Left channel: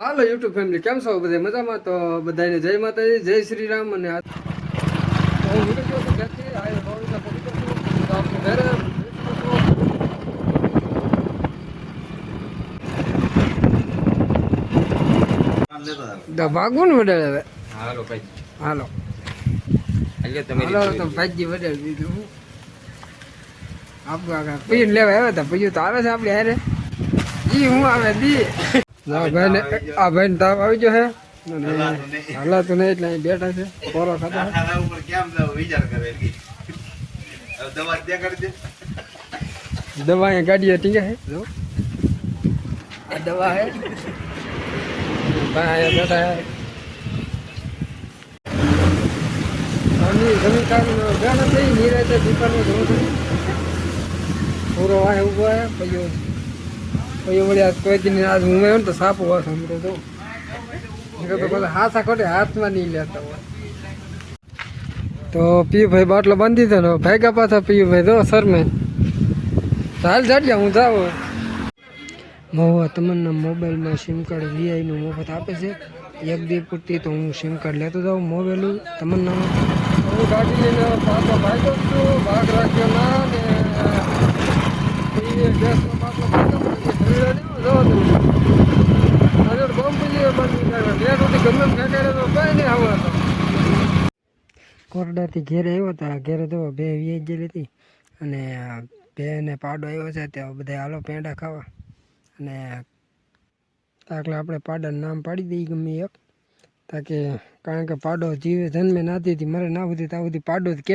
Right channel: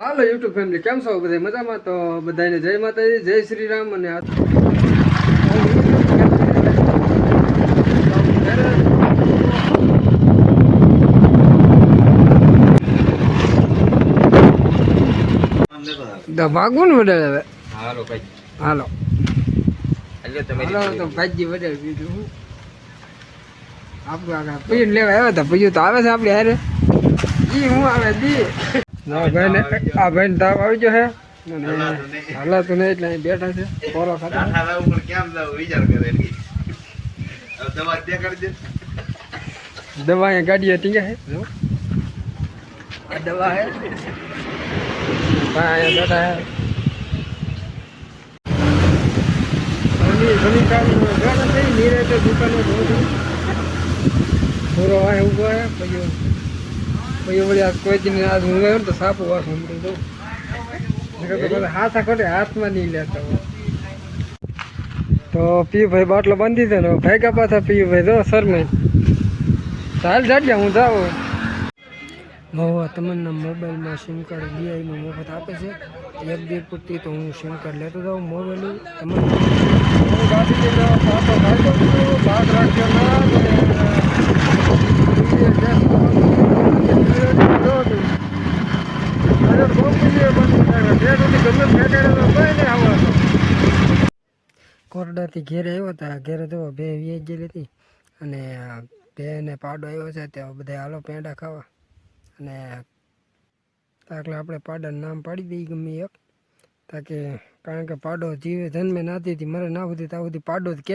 હાલો YouTube family કેમ છો બધા? મજામાં? તો બધાને જય માતાજી જય શ્રી રામ અને ભાગવું ને વડે હવે? હાલો હાલો. હાલો તો ભાજી દીધું હું? આપણું આગળ પીર લેવા આવ્યા હતા પીયું તો આવે છે આપણે હારે. ઈ હું આવે દી. ના ભાઈ ને આ ભાઈ ને તાવ આવી ગયો છે હાલા તો નહીં એટલે અહીં બેઠા છે. પોરો ખાતા ઉપર કેમ જાવ? વિચાર કરે દવા ત્યાં કરી દે. દવા અહીંયા છે. જો. આ દવા હે ભાઈ અહીંયા બેઠા છે. સમી સમીકારનો જાણે થઈ નિરાતે દુકાને જોઉં છું પૂરો વાય ઊભો છે. પછી પછી આ કોઈ દિન આજ ને તો સાપ હમણાં તો બધા હાથા ખોટે હાથમાં નહીં લેતા હોય. તો પીયુભાઈ બાટલો બાંધી દીધો ને ભેગા પાછા પીયુભાઈ જો શરમાઈ. ચાલ જાડિયા હું જાઉં મહુવા, તમને મોબાઈલમાં સિમ કાર્ડ વીઆઈનું મફત આપે છે. એક દી પૂરતી તો હું સિમ કાર્ડ લેતો જાઉં મોબાઈલ તમને ભાગ રાખ્યો ના તો ને, અ, ઈ ગેસ જો તું. આજે બહુ બધી બંધ થાય. બે રોટી ગમે એમ ફેંકાડે તો કઈ નહીં આવડતો કોરડાથી ઘેરે આવ્યો હતા ઘેરે તો બે વીએ ગયેલી હતી. અને બે ને પાડો આવ્યો છે ત્યાં બધા હાલો પેંડા ખાવા. અને તાકલે આપણે પાડાનું નામ પાડી દઈએ ગમે એક. તાકે કારણ કે પાડો જીવે જન્મે નાતી હતી, મરે ના સુધી ત્યાં સુધી પાડો જ કે